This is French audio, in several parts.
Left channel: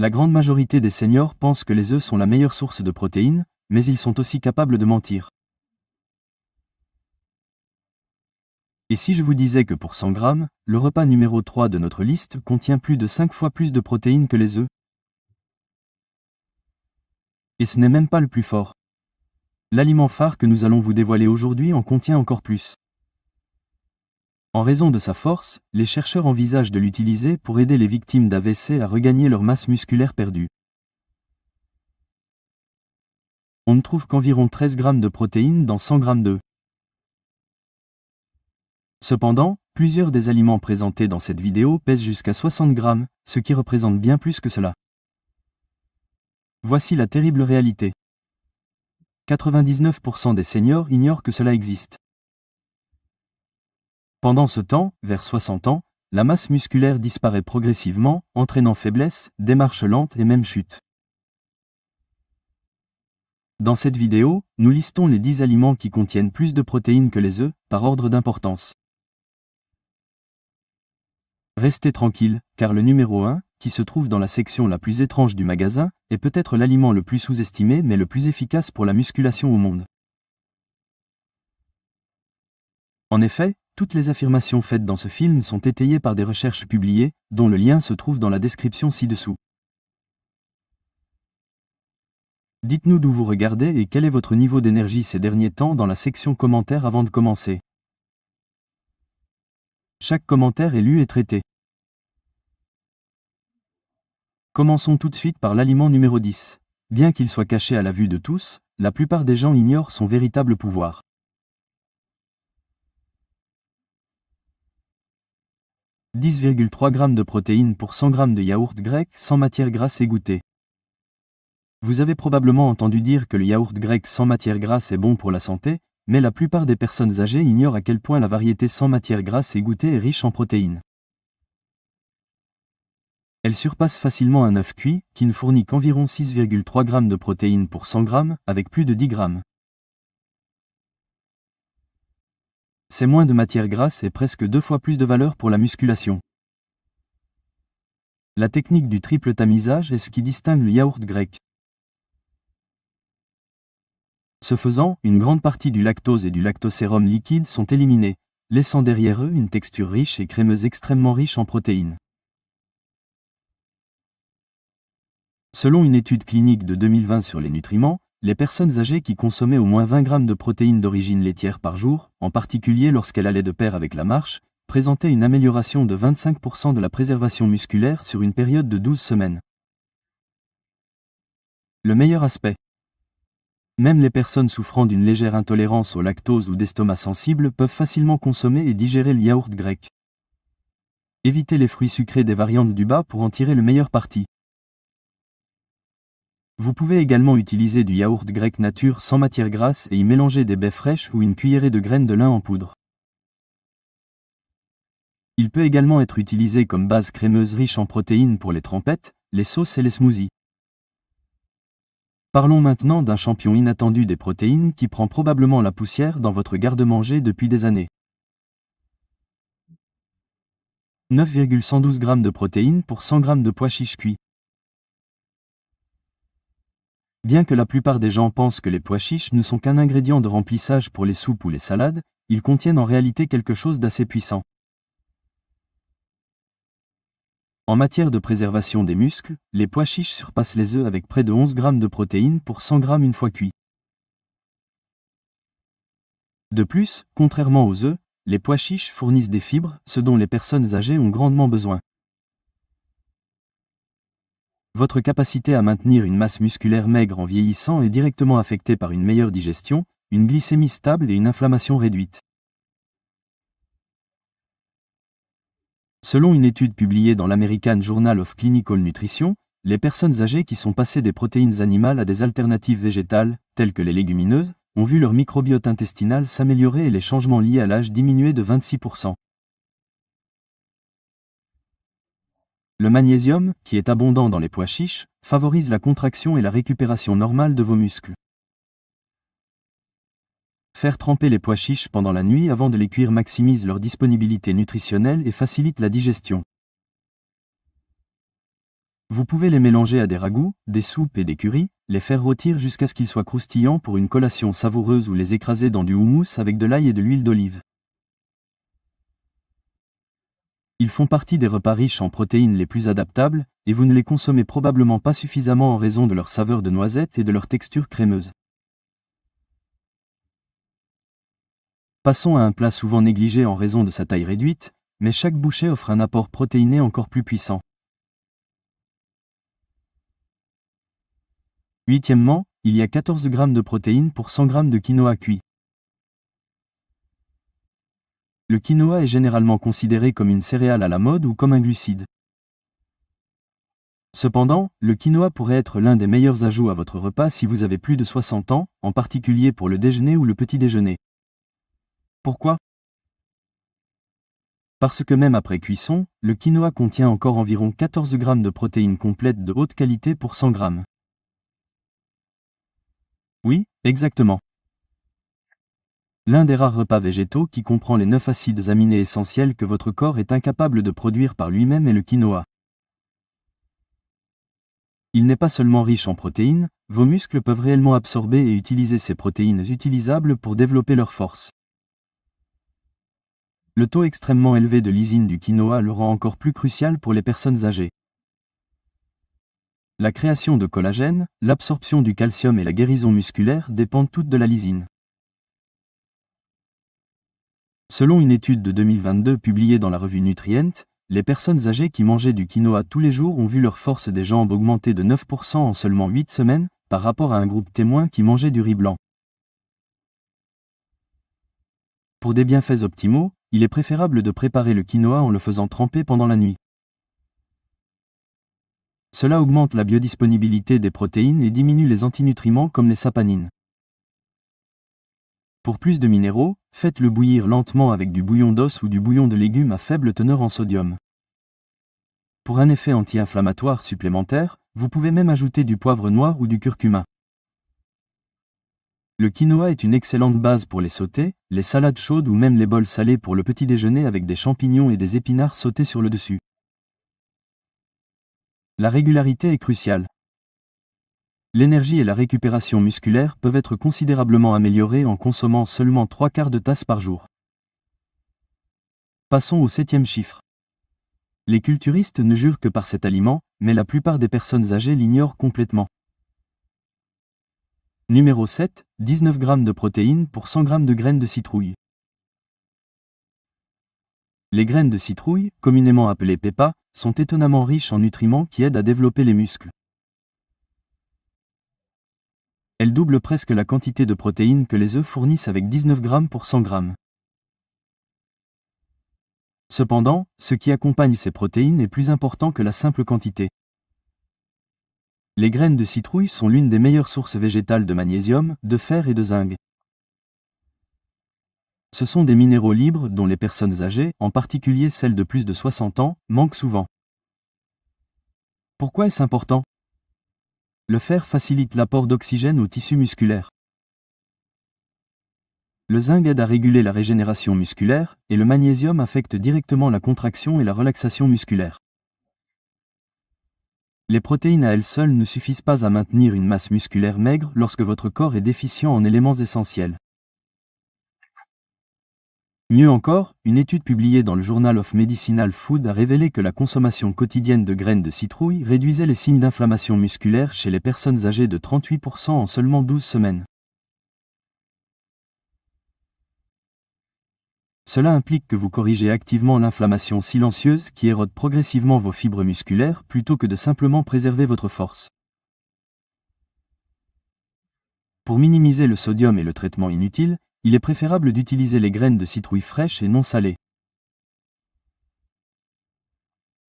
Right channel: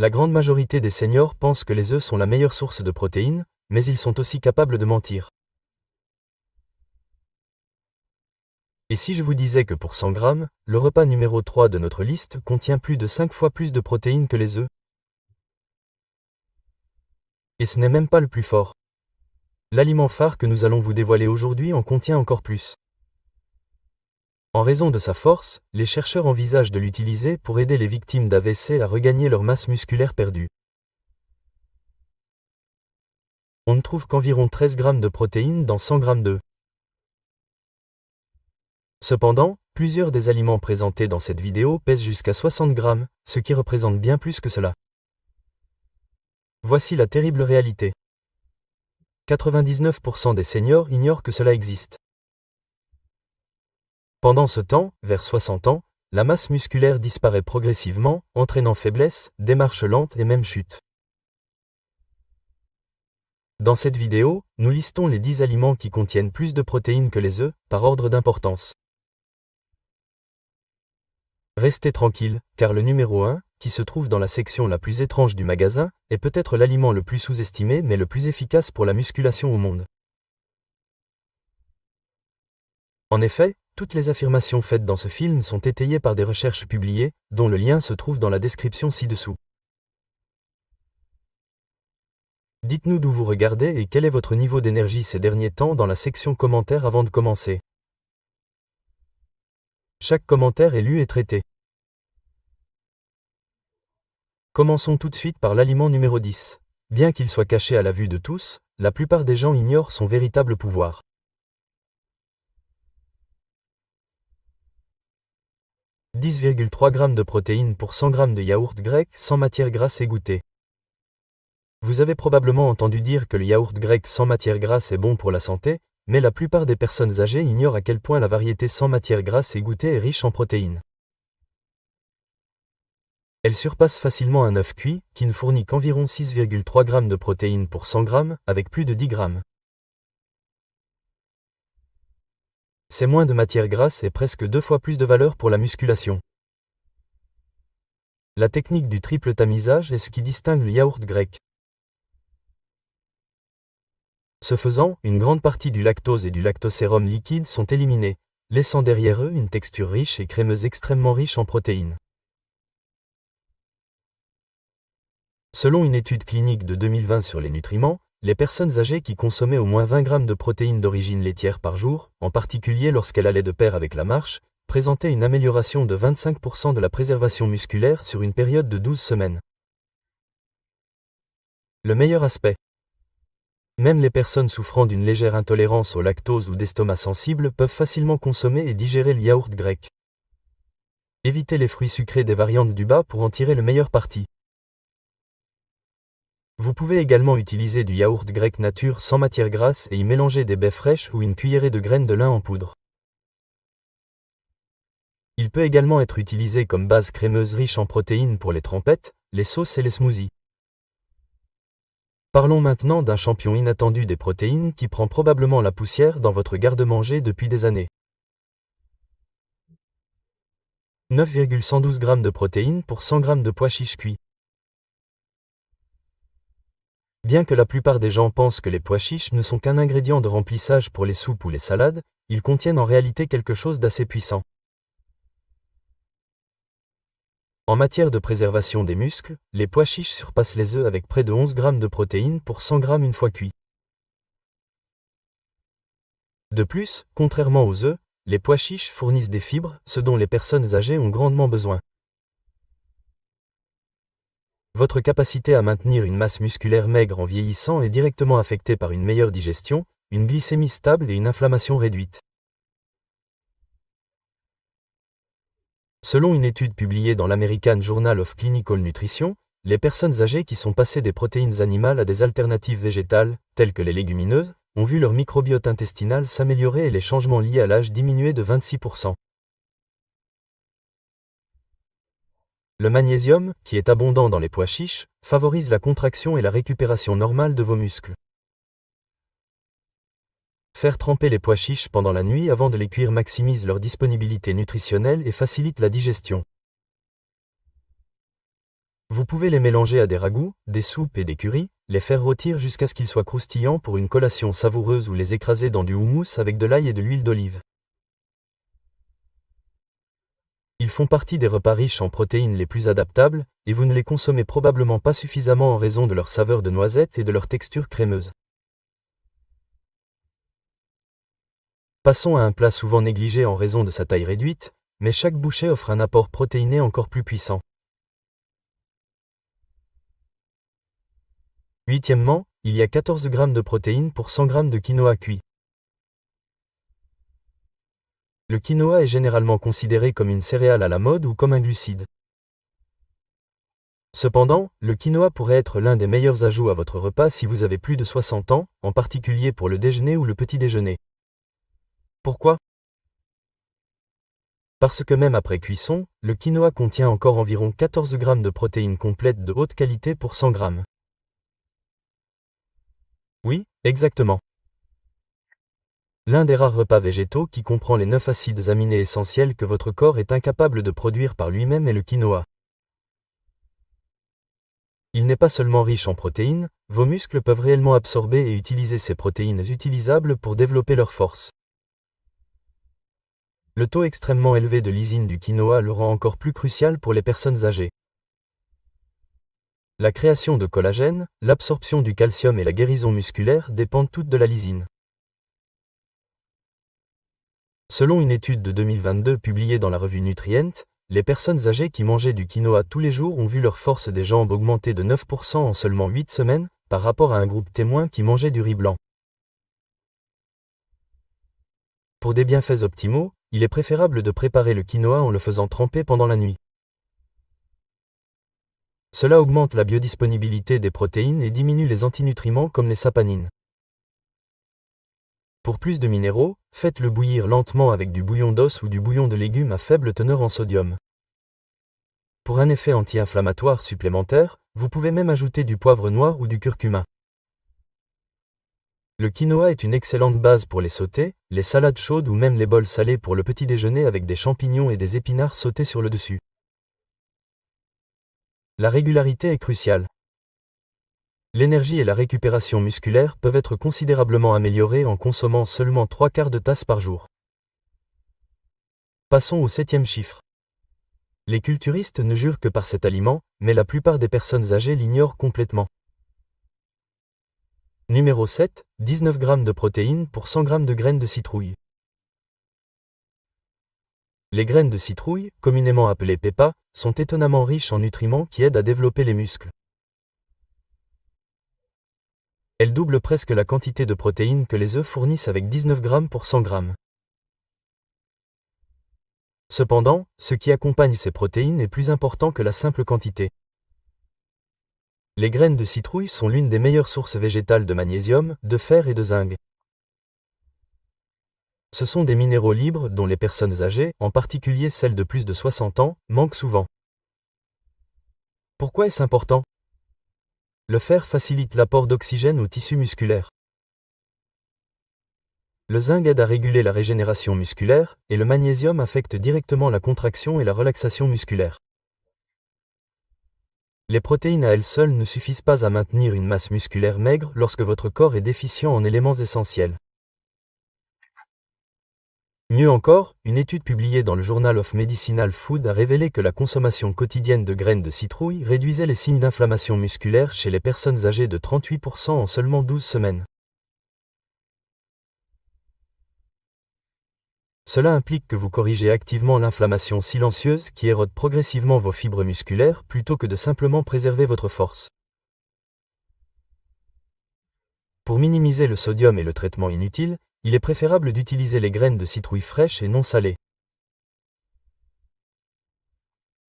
La grande majorité des seniors pensent que les œufs sont la meilleure source de protéines, mais ils sont aussi capables de mentir. Et si je vous disais que pour 100 grammes, le repas numéro 3 de notre liste contient plus de 5 fois plus de protéines que les œufs? Et ce n'est même pas le plus fort. L'aliment phare que nous allons vous dévoiler aujourd'hui en contient encore plus. En raison de sa force, les chercheurs envisagent de l'utiliser pour aider les victimes d'AVC à regagner leur masse musculaire perdue. On ne trouve qu'environ 13 grammes de protéines dans 100 grammes d'œufs. Cependant, plusieurs des aliments présentés dans cette vidéo pèsent jusqu'à 60 grammes, ce qui représente bien plus que cela. Voici la terrible réalité. 99% des seniors ignorent que cela existe. Pendant ce temps, vers 60 ans, la masse musculaire disparaît progressivement, entraînant faiblesse, démarche lente et même chute. Dans cette vidéo, nous listons les 10 aliments qui contiennent plus de protéines que les œufs, par ordre d'importance. Restez tranquille, car le numéro 1, qui se trouve dans la section la plus étrange du magasin, est peut-être l'aliment le plus sous-estimé mais le plus efficace pour la musculation au monde. En effet, toutes les affirmations faites dans ce film sont étayées par des recherches publiées, dont le lien se trouve dans la description ci-dessous. Dites-nous d'où vous regardez et quel est votre niveau d'énergie ces derniers temps dans la section commentaires avant de commencer. Chaque commentaire est lu et traité. Commençons tout de suite par l'aliment numéro 10. Bien qu'il soit caché à la vue de tous, la plupart des gens ignorent son véritable pouvoir. « 10,3 g de protéines pour 100 g de yaourt grec sans matière grasse égouttée. » Vous avez probablement entendu dire que le yaourt grec sans matière grasse est bon pour la santé, mais la plupart des personnes âgées ignorent à quel point la variété sans matière grasse égouttée est riche en protéines. Elle surpasse facilement un œuf cuit, qui ne fournit qu'environ 6,3 g de protéines pour 100 g, avec plus de 10 g. C'est moins de matière grasse et presque 2 fois plus de valeur pour la musculation. La technique du triple tamisage est ce qui distingue le yaourt grec. Ce faisant, une grande partie du lactose et du lactosérum liquide sont éliminés, laissant derrière eux une texture riche et crémeuse extrêmement riche en protéines. Selon une étude clinique de 2020 sur les nutriments, les personnes âgées qui consommaient au moins 20 g de protéines d'origine laitière par jour, en particulier lorsqu'elle allait de pair avec la marche, présentaient une amélioration de 25% de la préservation musculaire sur une période de 12 semaines. Le meilleur aspect. Même les personnes souffrant d'une légère intolérance au lactose ou d'estomac sensible peuvent facilement consommer et digérer le yaourt grec. Évitez les fruits sucrés des variantes du bas pour en tirer le meilleur parti. Vous pouvez également utiliser du yaourt grec nature sans matière grasse et y mélanger des baies fraîches ou une cuillerée de graines de lin en poudre. Il peut également être utilisé comme base crémeuse riche en protéines pour les trempettes, les sauces et les smoothies. Parlons maintenant d'un champion inattendu des protéines qui prend probablement la poussière dans votre garde-manger depuis des années. 9,112 g de protéines pour 100 g de pois chiches cuits. Bien que la plupart des gens pensent que les pois chiches ne sont qu'un ingrédient de remplissage pour les soupes ou les salades, ils contiennent en réalité quelque chose d'assez puissant. En matière de préservation des muscles, les pois chiches surpassent les œufs avec près de 11 g de protéines pour 100 g une fois cuits. De plus, contrairement aux œufs, les pois chiches fournissent des fibres, ce dont les personnes âgées ont grandement besoin. Votre capacité à maintenir une masse musculaire maigre en vieillissant est directement affectée par une meilleure digestion, une glycémie stable et une inflammation réduite. Selon une étude publiée dans l'American Journal of Clinical Nutrition, les personnes âgées qui sont passées des protéines animales à des alternatives végétales, telles que les légumineuses, ont vu leur microbiote intestinal s'améliorer et les changements liés à l'âge diminuer de 26%. Le magnésium, qui est abondant dans les pois chiches, favorise la contraction et la récupération normale de vos muscles. Faire tremper les pois chiches pendant la nuit avant de les cuire maximise leur disponibilité nutritionnelle et facilite la digestion. Vous pouvez les mélanger à des ragoûts, des soupes et des currys, les faire rôtir jusqu'à ce qu'ils soient croustillants pour une collation savoureuse ou les écraser dans du houmous avec de l'ail et de l'huile d'olive. Ils font partie des repas riches en protéines les plus adaptables, et vous ne les consommez probablement pas suffisamment en raison de leur saveur de noisette et de leur texture crémeuse. Passons à un plat souvent négligé en raison de sa taille réduite, mais chaque bouchée offre un apport protéiné encore plus puissant. Huitièmement, il y a 14 g de protéines pour 100 g de quinoa cuit. Le quinoa est généralement considéré comme une céréale à la mode ou comme un glucide. Cependant, le quinoa pourrait être l'un des meilleurs ajouts à votre repas si vous avez plus de 60 ans, en particulier pour le déjeuner ou le petit déjeuner. Pourquoi ? Parce que même après cuisson, le quinoa contient encore environ 14 g de protéines complètes de haute qualité pour 100 g. Oui, exactement. L'un des rares repas végétaux qui comprend les 9 acides aminés essentiels que votre corps est incapable de produire par lui-même est le quinoa. Il n'est pas seulement riche en protéines, vos muscles peuvent réellement absorber et utiliser ces protéines utilisables pour développer leur force. Le taux extrêmement élevé de lysine du quinoa le rend encore plus crucial pour les personnes âgées. La création de collagène, l'absorption du calcium et la guérison musculaire dépendent toutes de la lysine. Selon une étude de 2022 publiée dans la revue Nutrient, les personnes âgées qui mangeaient du quinoa tous les jours ont vu leur force des jambes augmenter de 9% en seulement 8 semaines, par rapport à un groupe témoin qui mangeait du riz blanc. Pour des bienfaits optimaux, il est préférable de préparer le quinoa en le faisant tremper pendant la nuit. Cela augmente la biodisponibilité des protéines et diminue les antinutriments comme les saponines. Pour plus de minéraux, faites-le bouillir lentement avec du bouillon d'os ou du bouillon de légumes à faible teneur en sodium. Pour un effet anti-inflammatoire supplémentaire, vous pouvez même ajouter du poivre noir ou du curcuma. Le quinoa est une excellente base pour les sautés, les salades chaudes ou même les bols salés pour le petit déjeuner avec des champignons et des épinards sautés sur le dessus. La régularité est cruciale. L'énergie et la récupération musculaire peuvent être considérablement améliorées en consommant seulement 3/4 de tasse par jour. Passons au 7e chiffre. Les culturistes ne jurent que par cet aliment, mais la plupart des personnes âgées l'ignorent complètement. Numéro 7, 19 g de protéines pour 100 g de graines de citrouille. Les graines de citrouille, communément appelées pépas, sont étonnamment riches en nutriments qui aident à développer les muscles. Elles doublent presque la quantité de protéines que les œufs fournissent avec 19 g pour 100 g. Cependant, ce qui accompagne ces protéines est plus important que la simple quantité. Les graines de citrouille sont l'une des meilleures sources végétales de magnésium, de fer et de zinc. Ce sont des minéraux libres dont les personnes âgées, en particulier celles de plus de 60 ans, manquent souvent. Pourquoi est-ce important ? Le fer facilite l'apport d'oxygène aux tissus musculaires. Le zinc aide à réguler la régénération musculaire, et le magnésium affecte directement la contraction et la relaxation musculaire. Les protéines à elles seules ne suffisent pas à maintenir une masse musculaire maigre lorsque votre corps est déficient en éléments essentiels. Mieux encore, une étude publiée dans le Journal of Medicinal Food a révélé que la consommation quotidienne de graines de citrouille réduisait les signes d'inflammation musculaire chez les personnes âgées de 38% en seulement 12 semaines. Cela implique que vous corrigez activement l'inflammation silencieuse qui érode progressivement vos fibres musculaires plutôt que de simplement préserver votre force. Pour minimiser le sodium et le traitement inutile, il est préférable d'utiliser les graines de citrouille fraîches et non salées.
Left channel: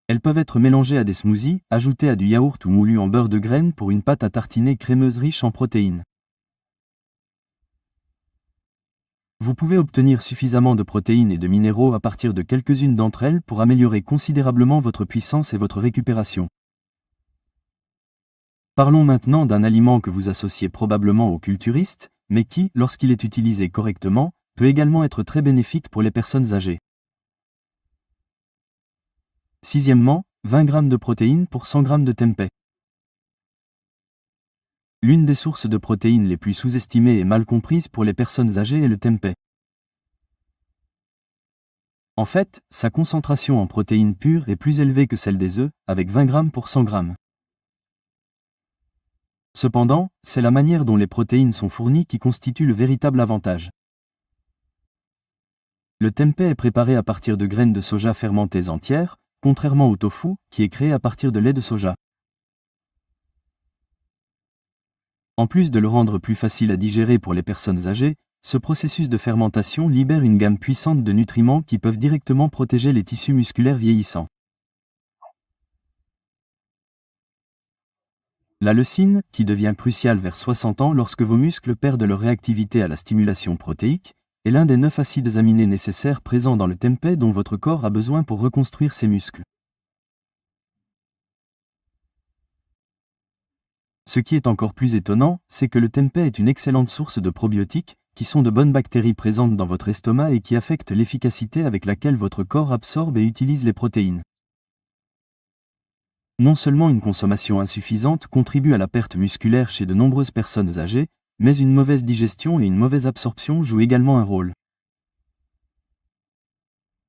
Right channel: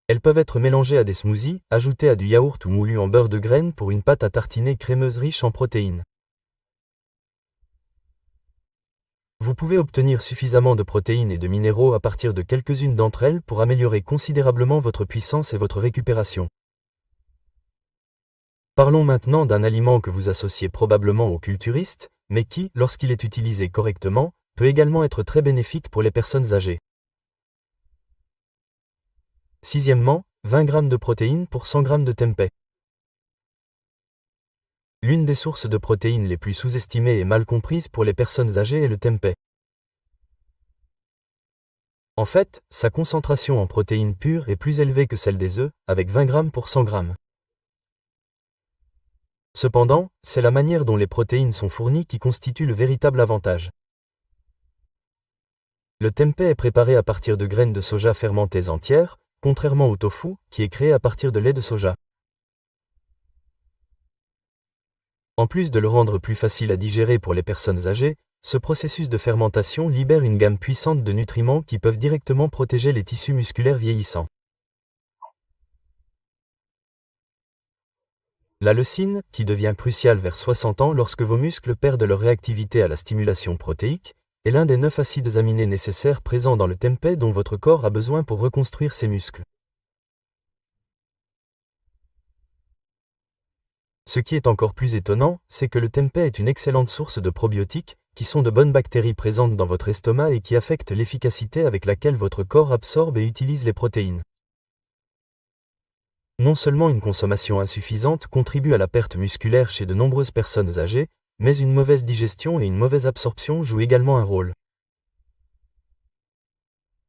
Elles peuvent être mélangées à des smoothies, ajoutées à du yaourt ou moulues en beurre de graines pour une pâte à tartiner crémeuse riche en protéines. Vous pouvez obtenir suffisamment de protéines et de minéraux à partir de quelques-unes d'entre elles pour améliorer considérablement votre puissance et votre récupération. Parlons maintenant d'un aliment que vous associez probablement aux culturistes, mais qui, lorsqu'il est utilisé correctement, peut également être très bénéfique pour les personnes âgées. Sixièmement, 20 g de protéines pour 100 g de tempeh. L'une des sources de protéines les plus sous-estimées et mal comprises pour les personnes âgées est le tempeh. En fait, sa concentration en protéines pures est plus élevée que celle des œufs, avec 20 g pour 100 g. Cependant, c'est la manière dont les protéines sont fournies qui constitue le véritable avantage. Le tempeh est préparé à partir de graines de soja fermentées entières, contrairement au tofu, qui est créé à partir de lait de soja. En plus de le rendre plus facile à digérer pour les personnes âgées, ce processus de fermentation libère une gamme puissante de nutriments qui peuvent directement protéger les tissus musculaires vieillissants. La leucine, qui devient cruciale vers 60 ans lorsque vos muscles perdent leur réactivité à la stimulation protéique, est l'un des 9 acides aminés nécessaires présents dans le tempeh dont votre corps a besoin pour reconstruire ses muscles. Ce qui est encore plus étonnant, c'est que le tempeh est une excellente source de probiotiques, qui sont de bonnes bactéries présentes dans votre estomac et qui affectent l'efficacité avec laquelle votre corps absorbe et utilise les protéines. Non seulement une consommation insuffisante contribue à la perte musculaire chez de nombreuses personnes âgées, mais une mauvaise digestion et une mauvaise absorption jouent également un rôle.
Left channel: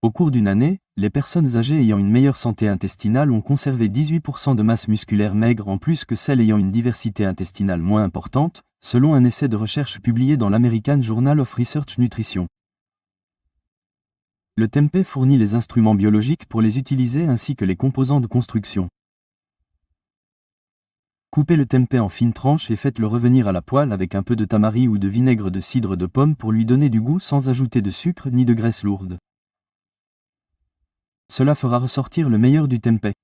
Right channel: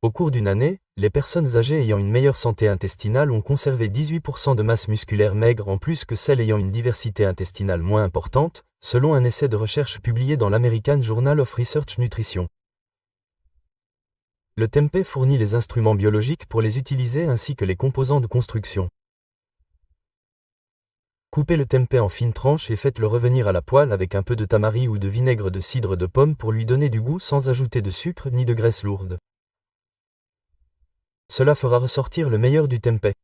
Au cours d'une année, les personnes âgées ayant une meilleure santé intestinale ont conservé 18% de masse musculaire maigre en plus que celles ayant une diversité intestinale moins importante, selon un essai de recherche publié dans l'American Journal of Research Nutrition. Le tempeh fournit les instruments biologiques pour les utiliser ainsi que les composants de construction. Coupez le tempeh en fines tranches et faites-le revenir à la poêle avec un peu de tamari ou de vinaigre de cidre de pomme pour lui donner du goût sans ajouter de sucre ni de graisse lourde. Cela fera ressortir le meilleur du tempeh.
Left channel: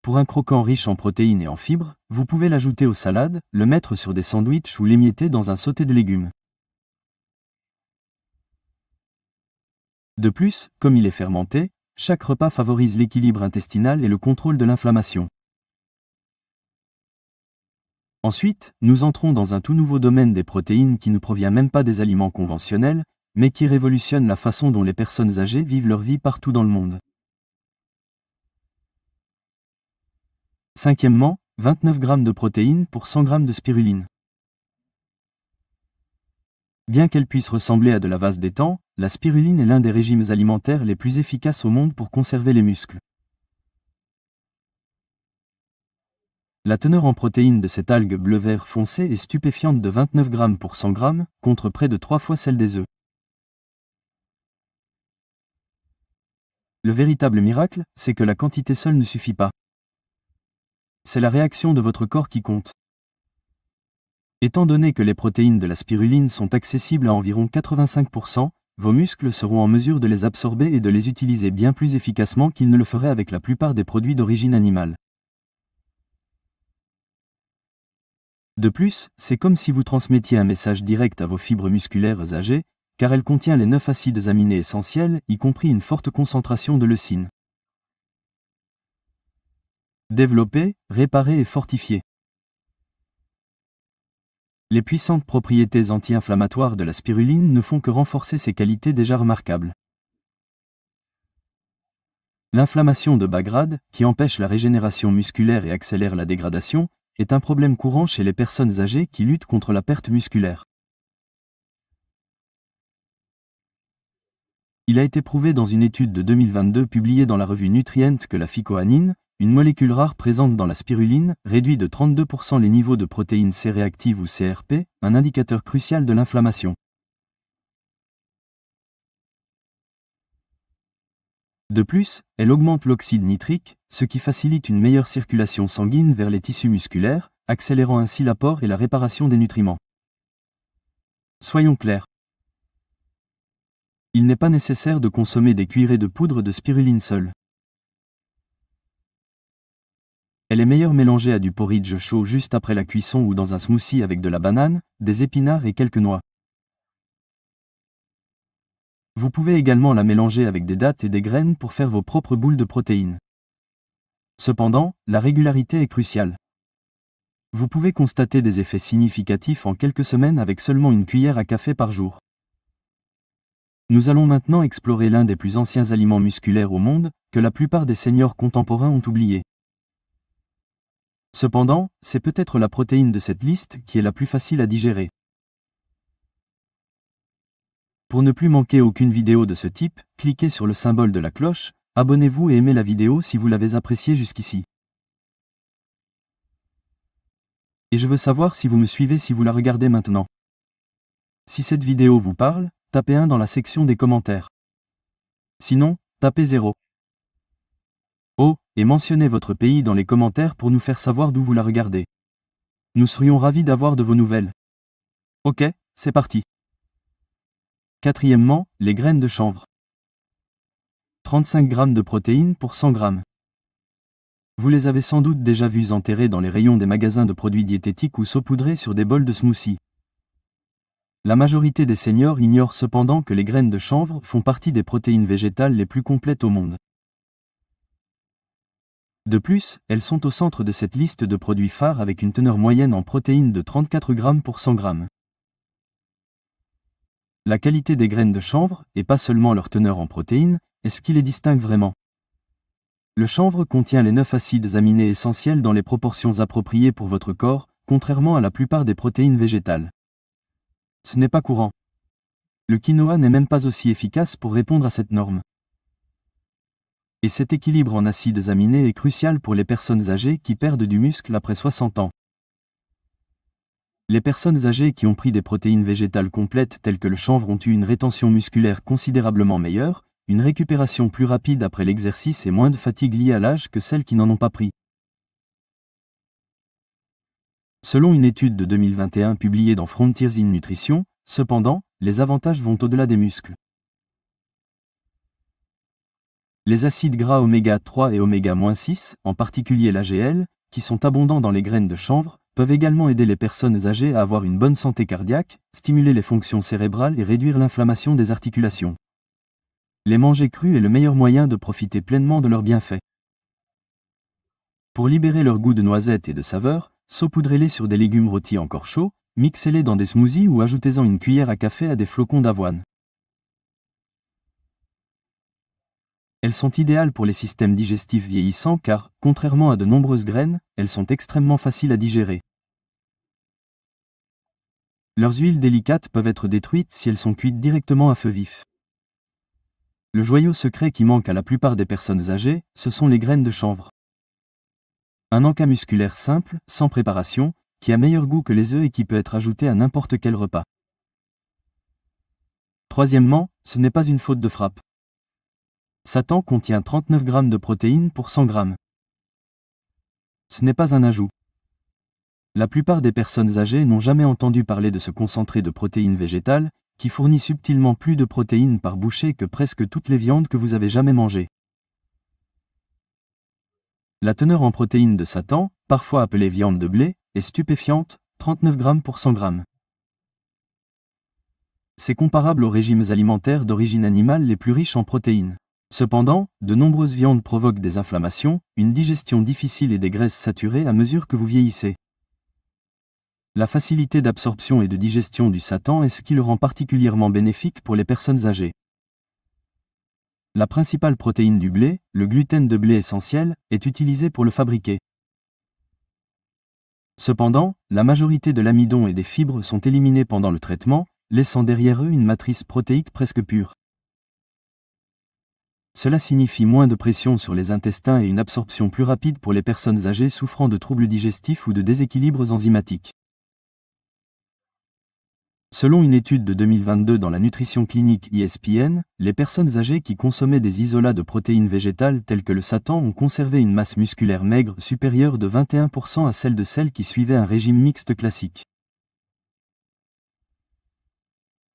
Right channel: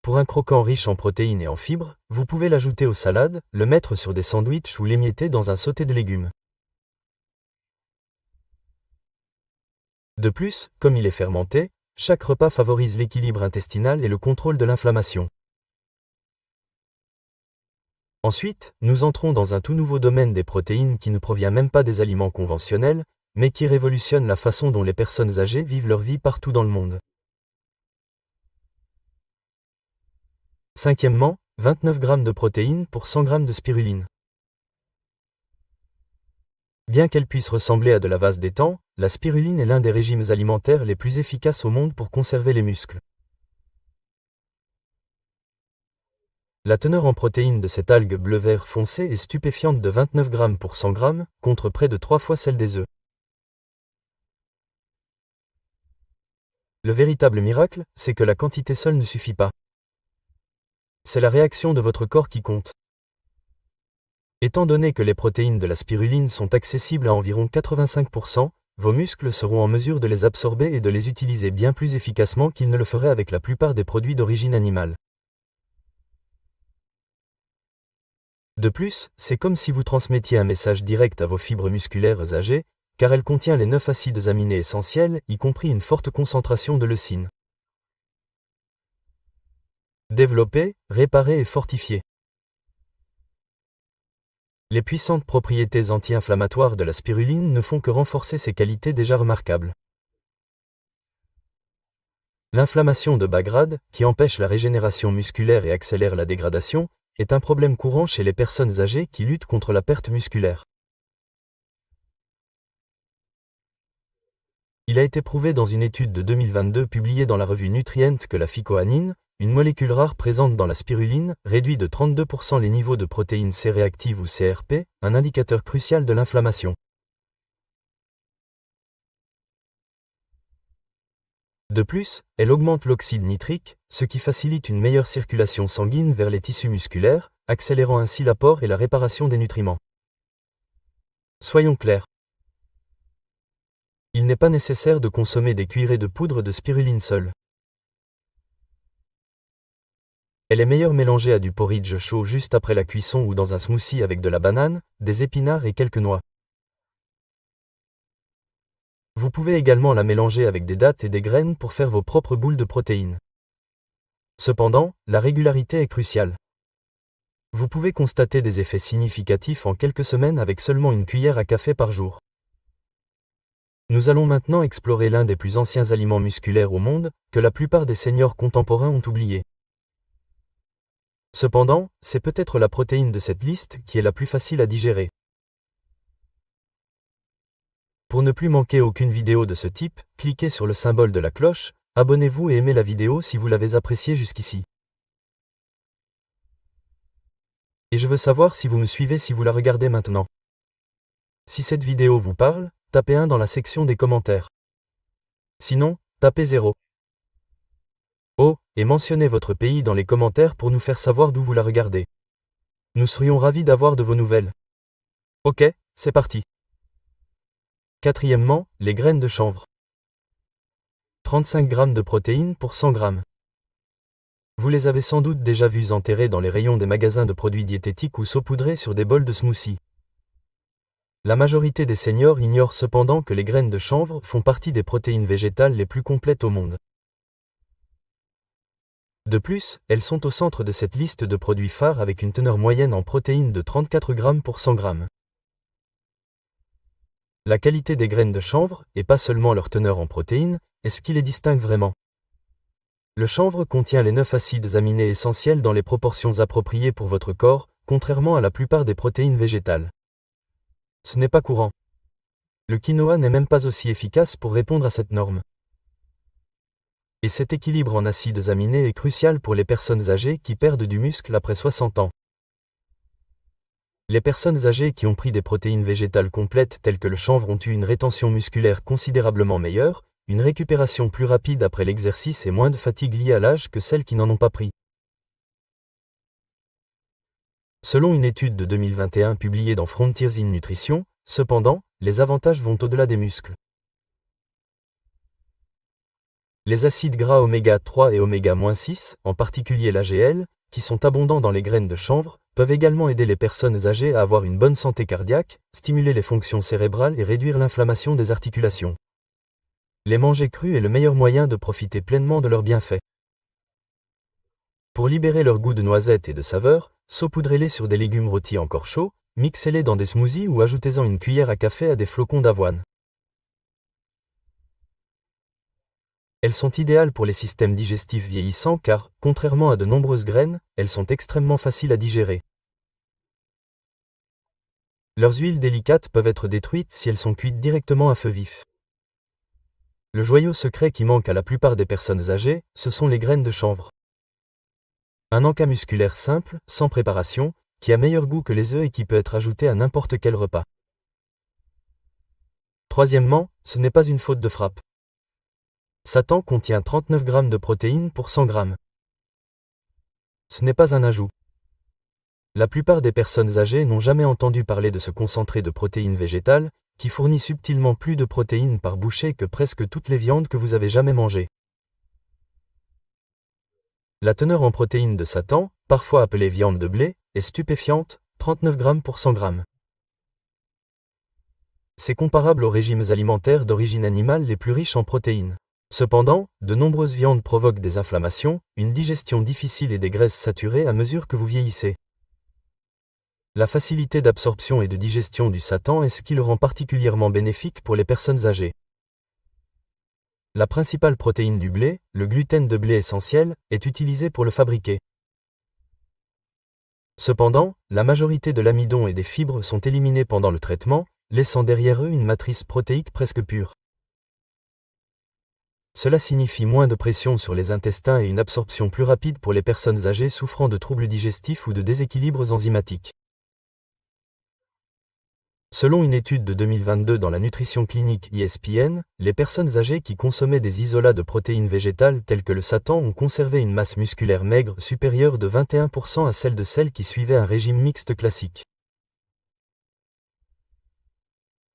Pour un croquant riche en protéines et en fibres, vous pouvez l'ajouter aux salades, le mettre sur des sandwichs ou l'émietter dans un sauté de légumes. De plus, comme il est fermenté, chaque repas favorise l'équilibre intestinal et le contrôle de l'inflammation. Ensuite, nous entrons dans un tout nouveau domaine des protéines qui ne provient même pas des aliments conventionnels, mais qui révolutionne la façon dont les personnes âgées vivent leur vie partout dans le monde. Cinquièmement, 29 g de protéines pour 100 g de spiruline. Bien qu'elle puisse ressembler à de la vase d'étang, la spiruline est l'un des régimes alimentaires les plus efficaces au monde pour conserver les muscles. La teneur en protéines de cette algue bleu-vert foncé est stupéfiante de 29 g pour 100 g, contre près de 3 fois celle des œufs. Le véritable miracle, c'est que la quantité seule ne suffit pas. C'est la réaction de votre corps qui compte. Étant donné que les protéines de la spiruline sont accessibles à environ 85%, vos muscles seront en mesure de les absorber et de les utiliser bien plus efficacement qu'ils ne le feraient avec la plupart des produits d'origine animale. De plus, c'est comme si vous transmettiez un message direct à vos fibres musculaires âgées, car elle contient les 9 acides aminés essentiels, y compris une forte concentration de leucine. Développer, réparer et fortifier. Les puissantes propriétés anti-inflammatoires de la spiruline ne font que renforcer ses qualités déjà remarquables. L'inflammation de bas grade, qui empêche la régénération musculaire et accélère la dégradation, est un problème courant chez les personnes âgées qui luttent contre la perte musculaire. Il a été prouvé dans une étude de 2022 publiée dans la revue Nutrient que la phycoanine, une molécule rare présente dans la spiruline, réduit de 32% les niveaux de protéines C réactives ou CRP, un indicateur crucial de l'inflammation. De plus, elle augmente l'oxyde nitrique, ce qui facilite une meilleure circulation sanguine vers les tissus musculaires, accélérant ainsi l'apport et la réparation des nutriments. Soyons clairs. Il n'est pas nécessaire de consommer des cuillerées de poudre de spiruline seule. Elle est meilleure mélangée à du porridge chaud juste après la cuisson ou dans un smoothie avec de la banane, des épinards et quelques noix. Vous pouvez également la mélanger avec des dattes et des graines pour faire vos propres boules de protéines. Cependant, la régularité est cruciale. Vous pouvez constater des effets significatifs en quelques semaines avec seulement une cuillère à café par jour. Nous allons maintenant explorer l'un des plus anciens aliments musculaires au monde, que la plupart des seniors contemporains ont oublié. Cependant, c'est peut-être la protéine de cette liste qui est la plus facile à digérer. Pour ne plus manquer aucune vidéo de ce type, cliquez sur le symbole de la cloche, abonnez-vous et aimez la vidéo si vous l'avez appréciée jusqu'ici. Et je veux savoir si vous me suivez si vous la regardez maintenant. Si cette vidéo vous parle, tapez 1 dans la section des commentaires. Sinon, tapez 0. Oh, et mentionnez votre pays dans les commentaires pour nous faire savoir d'où vous la regardez. Nous serions ravis d'avoir de vos nouvelles. Ok, c'est parti. Quatrièmement, les graines de chanvre. 35 g de protéines pour 100 g. Vous les avez sans doute déjà vues enterrées dans les rayons des magasins de produits diététiques ou saupoudrées sur des bols de smoothie. La majorité des seniors ignorent cependant que les graines de chanvre font partie des protéines végétales les plus complètes au monde. De plus, elles sont au centre de cette liste de produits phares avec une teneur moyenne en protéines de 34 g pour 100 g. La qualité des graines de chanvre, et pas seulement leur teneur en protéines, est ce qui les distingue vraiment. Le chanvre contient les 9 acides aminés essentiels dans les proportions appropriées pour votre corps, contrairement à la plupart des protéines végétales. Ce n'est pas courant. Le quinoa n'est même pas aussi efficace pour répondre à cette norme. Et cet équilibre en acides aminés est crucial pour les personnes âgées qui perdent du muscle après 60 ans. Les personnes âgées qui ont pris des protéines végétales complètes telles que le chanvre ont eu une rétention musculaire considérablement meilleure, une récupération plus rapide après l'exercice et moins de fatigue liée à l'âge que celles qui n'en ont pas pris. Selon une étude de 2021 publiée dans Frontiers in Nutrition, cependant, les avantages vont au-delà des muscles. Les acides gras oméga 3 et oméga-6, en particulier l'AGL, qui sont abondants dans les graines de chanvre, peuvent également aider les personnes âgées à avoir une bonne santé cardiaque, stimuler les fonctions cérébrales et réduire l'inflammation des articulations. Les manger crus est le meilleur moyen de profiter pleinement de leurs bienfaits. Pour libérer leur goût de noisette et de saveur, saupoudrez-les sur des légumes rôtis encore chauds, mixez-les dans des smoothies ou ajoutez-en une cuillère à café à des flocons d'avoine. Elles sont idéales pour les systèmes digestifs vieillissants car, contrairement à de nombreuses graines, elles sont extrêmement faciles à digérer. Leurs huiles délicates peuvent être détruites si elles sont cuites directement à feu vif. Le joyau secret qui manque à la plupart des personnes âgées, ce sont les graines de chanvre. Un encas musculaire simple, sans préparation, qui a meilleur goût que les œufs et qui peut être ajouté à n'importe quel repas. Troisièmement, ce n'est pas une faute de frappe. Satan contient 39 g de protéines pour 100 g. Ce n'est pas un ajout. La plupart des personnes âgées n'ont jamais entendu parler de ce concentré de protéines végétales, qui fournit subtilement plus de protéines par bouchée que presque toutes les viandes que vous avez jamais mangées. La teneur en protéines de Satan, parfois appelée viande de blé, est stupéfiante, 39 g pour 100 g. C'est comparable aux régimes alimentaires d'origine animale les plus riches en protéines. Cependant, de nombreuses viandes provoquent des inflammations, une digestion difficile et des graisses saturées à mesure que vous vieillissez. La facilité d'absorption et de digestion du satan est ce qui le rend particulièrement bénéfique pour les personnes âgées. La principale protéine du blé, le gluten de blé essentiel, est utilisée pour le fabriquer. Cependant, la majorité de l'amidon et des fibres sont éliminés pendant le traitement, laissant derrière eux une matrice protéique presque pure. Cela signifie moins de pression sur les intestins et une absorption plus rapide pour les personnes âgées souffrant de troubles digestifs ou de déséquilibres enzymatiques. Selon une étude de 2022 dans la nutrition clinique ESPN, les personnes âgées qui consommaient des isolats de protéines végétales tels que le satan ont conservé une masse musculaire maigre supérieure de 21% à celle de celles qui suivaient un régime mixte classique.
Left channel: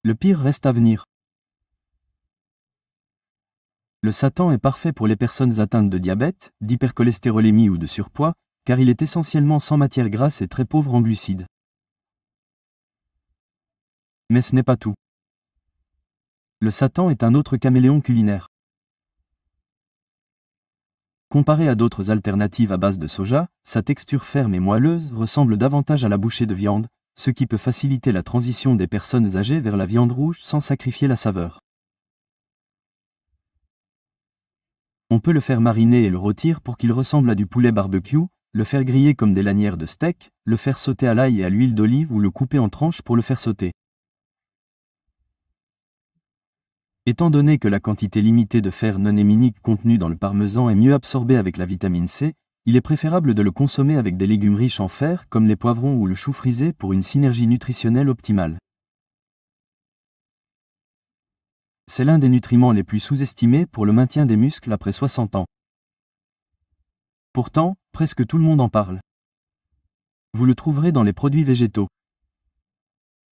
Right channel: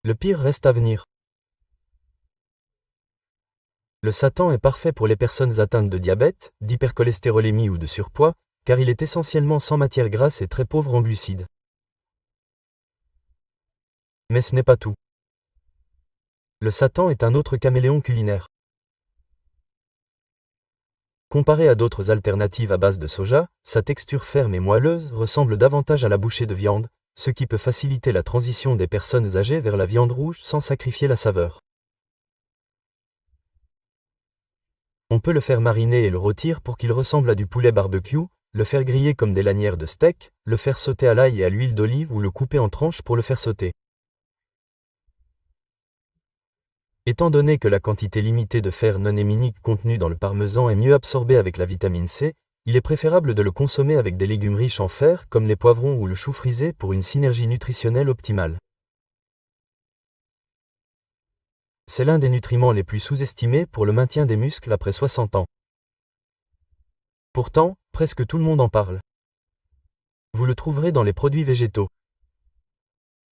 Le pire reste à venir. Le satan est parfait pour les personnes atteintes de diabète, d'hypercholestérolémie ou de surpoids, car il est essentiellement sans matière grasse et très pauvre en glucides. Mais ce n'est pas tout. Le satan est un autre caméléon culinaire. Comparé à d'autres alternatives à base de soja, sa texture ferme et moelleuse ressemble davantage à la bouchée de viande, ce qui peut faciliter la transition des personnes âgées vers la viande rouge sans sacrifier la saveur. On peut le faire mariner et le rôtir pour qu'il ressemble à du poulet barbecue, le faire griller comme des lanières de steak, le faire sauter à l'ail et à l'huile d'olive ou le couper en tranches pour le faire sauter. Étant donné que la quantité limitée de fer non héminique contenue dans le parmesan est mieux absorbée avec la vitamine C, il est préférable de le consommer avec des légumes riches en fer comme les poivrons ou le chou frisé pour une synergie nutritionnelle optimale. C'est l'un des nutriments les plus sous-estimés pour le maintien des muscles après 60 ans. Pourtant, presque tout le monde en parle. Vous le trouverez dans les produits végétaux.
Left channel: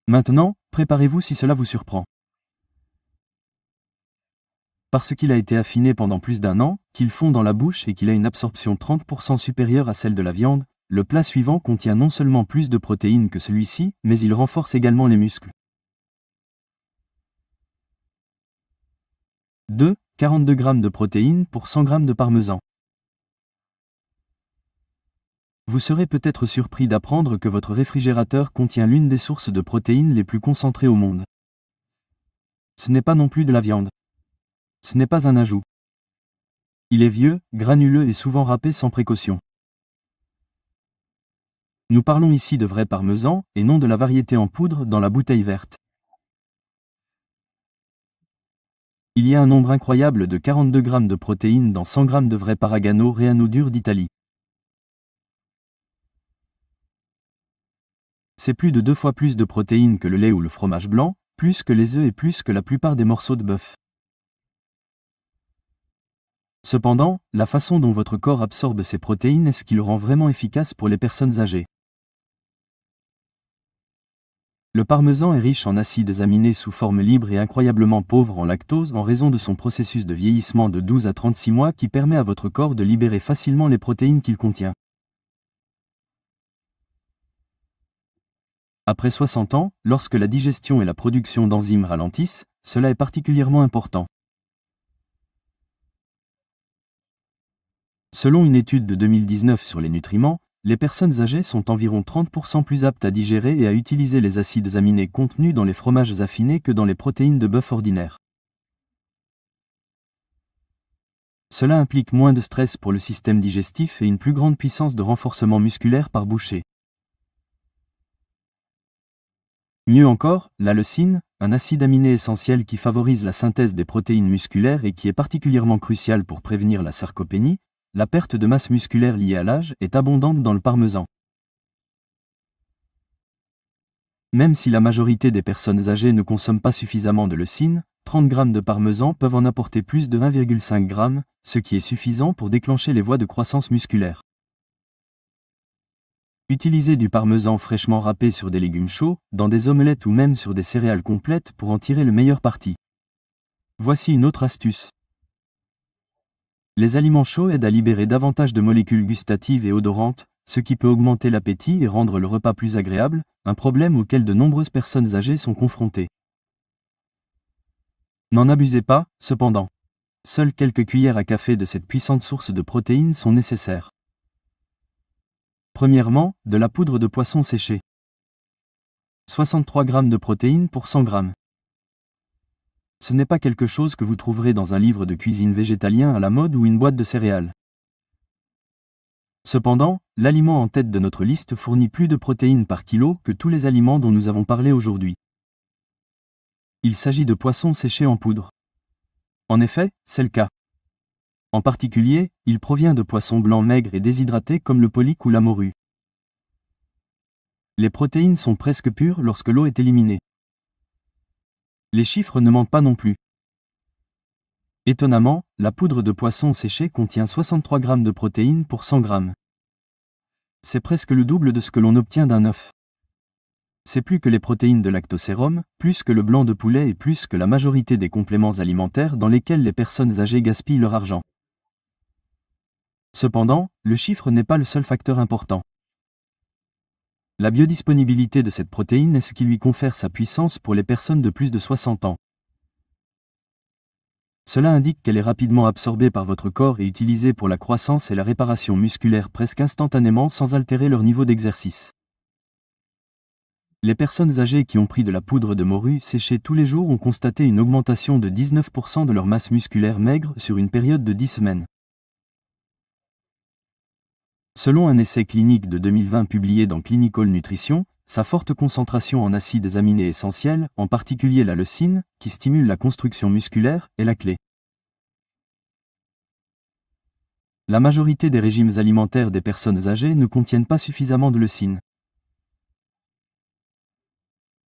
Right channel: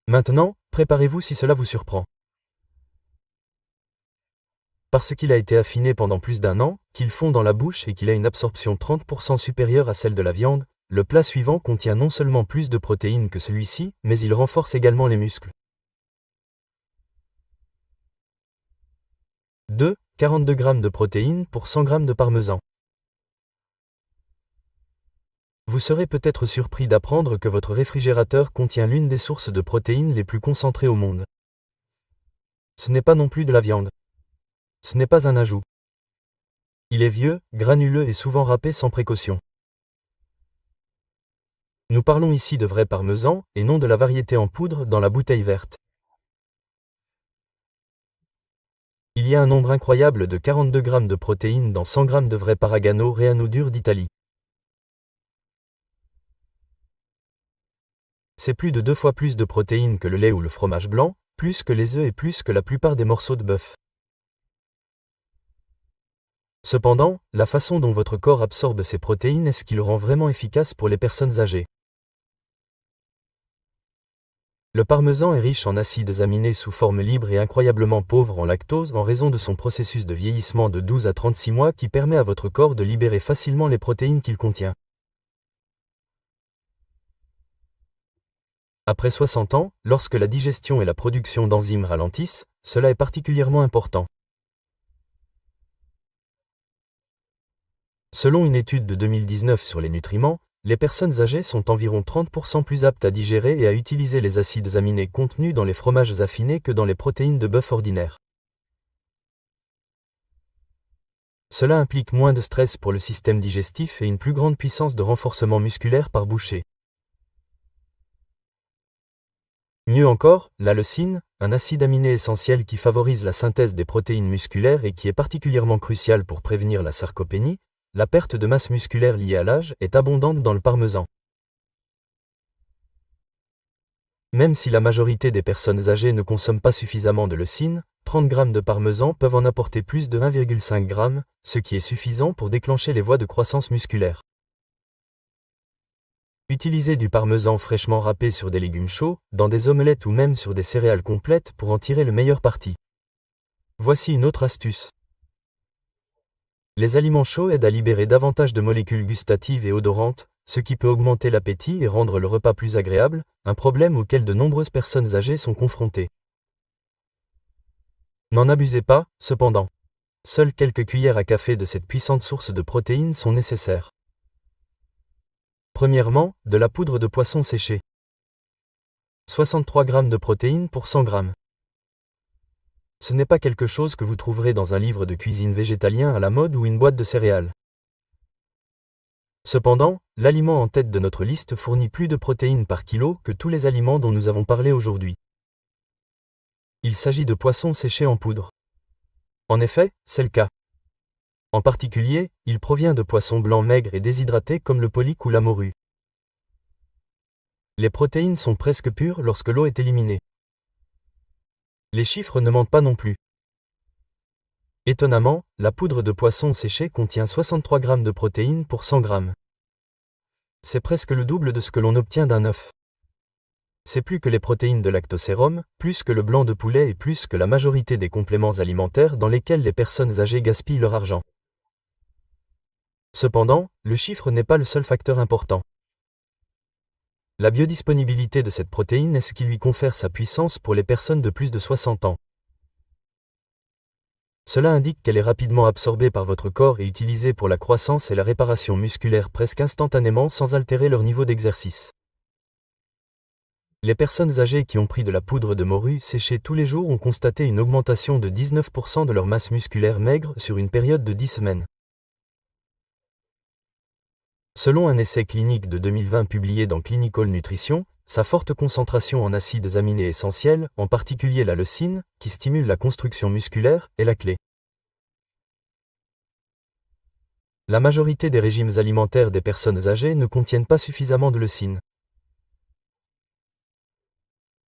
Maintenant, préparez-vous si cela vous surprend. Parce qu'il a été affiné pendant plus d'un an, qu'il fond dans la bouche et qu'il a une absorption 30% supérieure à celle de la viande, le plat suivant contient non seulement plus de protéines que celui-ci, mais il renforce également les muscles. 2. 42 g de protéines pour 100 g de parmesan. Vous serez peut-être surpris d'apprendre que votre réfrigérateur contient l'une des sources de protéines les plus concentrées au monde. Ce n'est pas non plus de la viande. Ce n'est pas un ajout. Il est vieux, granuleux et souvent râpé sans précaution. Nous parlons ici de vrai parmesan, et non de la variété en poudre dans la bouteille verte. Il y a un nombre incroyable de 42 g de protéines dans 100 g de vrai Paragano Reano dur d'Italie. C'est plus de 2 fois plus de protéines que le lait ou le fromage blanc, plus que les œufs et plus que la plupart des morceaux de bœuf. Cependant, la façon dont votre corps absorbe ces protéines est ce qui le rend vraiment efficace pour les personnes âgées. Le parmesan est riche en acides aminés sous forme libre et incroyablement pauvre en lactose en raison de son processus de vieillissement de 12 à 36 mois qui permet à votre corps de libérer facilement les protéines qu'il contient. Après 60 ans, lorsque la digestion et la production d'enzymes ralentissent, cela est particulièrement important. Selon une étude de 2019 sur les nutriments, les personnes âgées sont environ 30% plus aptes à digérer et à utiliser les acides aminés contenus dans les fromages affinés que dans les protéines de bœuf ordinaires. Cela implique moins de stress pour le système digestif et une plus grande puissance de renforcement musculaire par bouchée. Mieux encore, la leucine, un acide aminé essentiel qui favorise la synthèse des protéines musculaires et qui est particulièrement crucial pour prévenir la sarcopénie, la perte de masse musculaire liée à l'âge, est abondante dans le parmesan. Même si la majorité des personnes âgées ne consomment pas suffisamment de leucine, 30 g de parmesan peuvent en apporter plus de 1,5 g, ce qui est suffisant pour déclencher les voies de croissance musculaire. Utilisez du parmesan fraîchement râpé sur des légumes chauds, dans des omelettes ou même sur des céréales complètes pour en tirer le meilleur parti. Voici une autre astuce. Les aliments chauds aident à libérer davantage de molécules gustatives et odorantes, ce qui peut augmenter l'appétit et rendre le repas plus agréable, un problème auquel de nombreuses personnes âgées sont confrontées. N'en abusez pas, cependant. Seules quelques cuillères à café de cette puissante source de protéines sont nécessaires. Premièrement, de la poudre de poisson séchée. 63 g de protéines pour 100 g. Ce n'est pas quelque chose que vous trouverez dans un livre de cuisine végétalien à la mode ou une boîte de céréales. Cependant, l'aliment en tête de notre liste fournit plus de protéines par kilo que tous les aliments dont nous avons parlé aujourd'hui. Il s'agit de poissons séchés en poudre. En effet, c'est le cas. En particulier, il provient de poissons blancs maigres et déshydratés comme le pollique ou la morue. Les protéines sont presque pures lorsque l'eau est éliminée. Les chiffres ne mentent pas non plus. Étonnamment, la poudre de poisson séchée contient 63 g de protéines pour 100 g. C'est presque le double de ce que l'on obtient d'un œuf. C'est plus que les protéines de lactosérum, plus que le blanc de poulet et plus que la majorité des compléments alimentaires dans lesquels les personnes âgées gaspillent leur argent. Cependant, le chiffre n'est pas le seul facteur important. La biodisponibilité de cette protéine est ce qui lui confère sa puissance pour les personnes de plus de 60 ans. Cela indique qu'elle est rapidement absorbée par votre corps et utilisée pour la croissance et la réparation musculaire presque instantanément sans altérer leur niveau d'exercice. Les personnes âgées qui ont pris de la poudre de morue séchée tous les jours ont constaté une augmentation de 19% de leur masse musculaire maigre sur une période de 10 semaines. Selon un essai clinique de 2020 publié dans Clinical Nutrition, sa forte concentration en acides aminés essentiels, en particulier la leucine, qui stimule la construction musculaire, est la clé. La majorité des régimes alimentaires des personnes âgées ne contiennent pas suffisamment de leucine.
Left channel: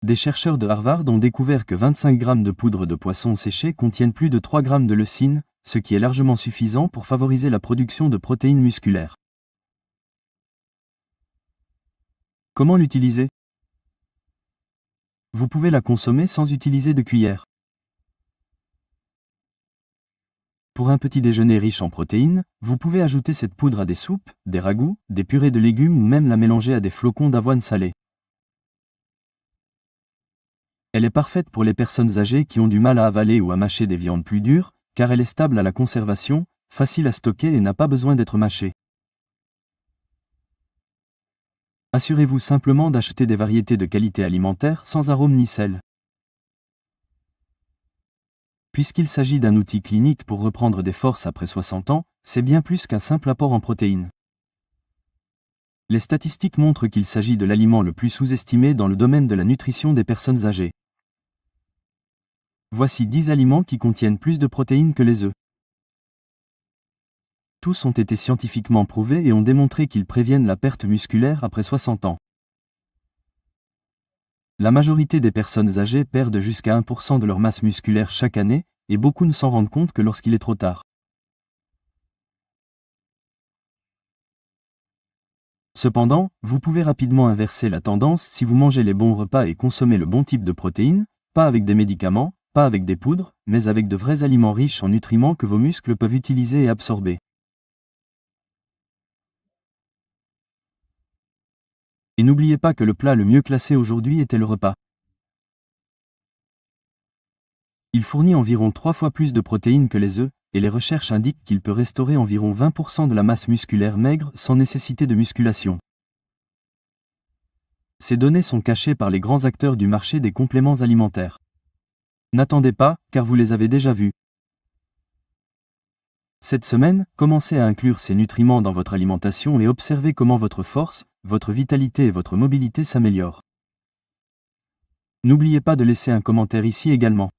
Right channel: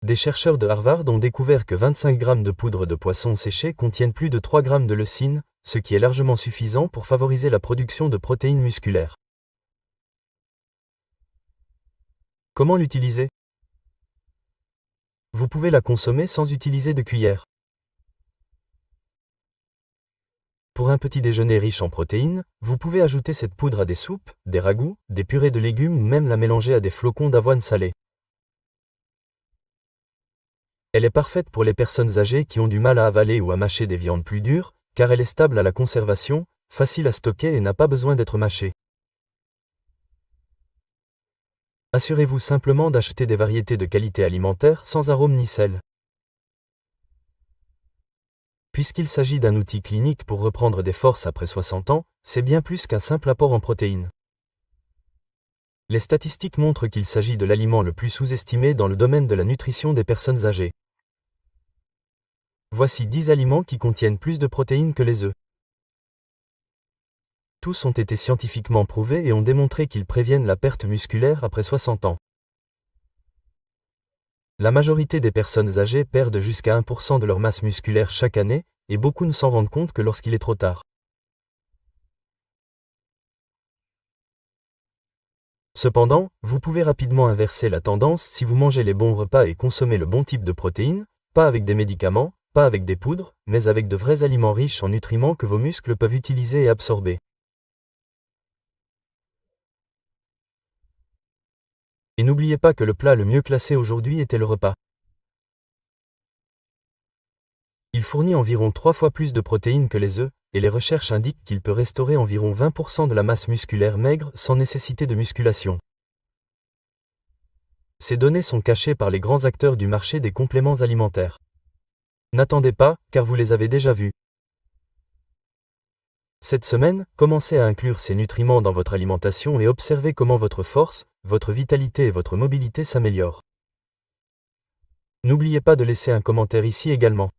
Des chercheurs de Harvard ont découvert que 25 grammes de poudre de poisson séchée contiennent plus de 3 grammes de leucine, ce qui est largement suffisant pour favoriser la production de protéines musculaires. Comment l'utiliser? Vous pouvez la consommer sans utiliser de cuillère. Pour un petit déjeuner riche en protéines, vous pouvez ajouter cette poudre à des soupes, des ragoûts, des purées de légumes ou même la mélanger à des flocons d'avoine salés. Elle est parfaite pour les personnes âgées qui ont du mal à avaler ou à mâcher des viandes plus dures, car elle est stable à la conservation, facile à stocker et n'a pas besoin d'être mâchée. Assurez-vous simplement d'acheter des variétés de qualité alimentaire sans arôme ni sel. Puisqu'il s'agit d'un outil clinique pour reprendre des forces après 60 ans, c'est bien plus qu'un simple apport en protéines. Les statistiques montrent qu'il s'agit de l'aliment le plus sous-estimé dans le domaine de la nutrition des personnes âgées. Voici 10 aliments qui contiennent plus de protéines que les œufs. Tous ont été scientifiquement prouvés et ont démontré qu'ils préviennent la perte musculaire après 60 ans. La majorité des personnes âgées perdent jusqu'à 1% de leur masse musculaire chaque année, et beaucoup ne s'en rendent compte que lorsqu'il est trop tard. Cependant, vous pouvez rapidement inverser la tendance si vous mangez les bons repas et consommez le bon type de protéines, pas avec des médicaments, pas avec des poudres, mais avec de vrais aliments riches en nutriments que vos muscles peuvent utiliser et absorber. Et n'oubliez pas que le plat le mieux classé aujourd'hui était le repas. Il fournit environ 3 fois plus de protéines que les œufs, et les recherches indiquent qu'il peut restaurer environ 20% de la masse musculaire maigre sans nécessité de musculation. Ces données sont cachées par les grands acteurs du marché des compléments alimentaires. N'attendez pas, car vous les avez déjà vus. Cette semaine, commencez à inclure ces nutriments dans votre alimentation et observez comment votre force, votre vitalité et votre mobilité s'améliorent. N'oubliez pas de laisser un commentaire ici également.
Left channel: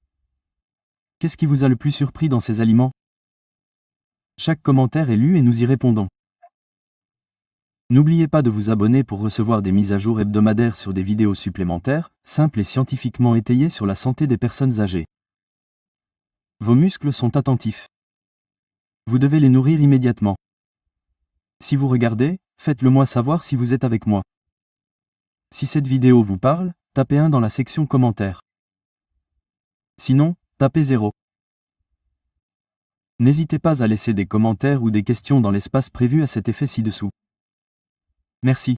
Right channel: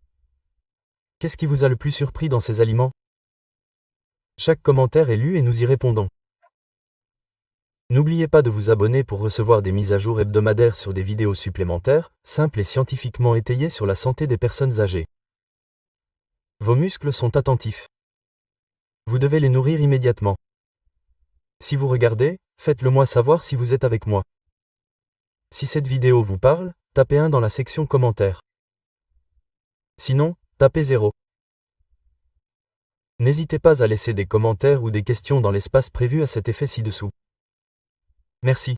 Qu'est-ce qui vous a le plus surpris dans ces aliments? Chaque commentaire est lu et nous y répondons. N'oubliez pas de vous abonner pour recevoir des mises à jour hebdomadaires sur des vidéos supplémentaires, simples et scientifiquement étayées sur la santé des personnes âgées. Vos muscles sont attentifs. Vous devez les nourrir immédiatement. Si vous regardez, faites-le moi savoir si vous êtes avec moi. Si cette vidéo vous parle, tapez 1 dans la section commentaires. Sinon, tapez 0. N'hésitez pas à laisser des commentaires ou des questions dans l'espace prévu à cet effet ci-dessous. Merci.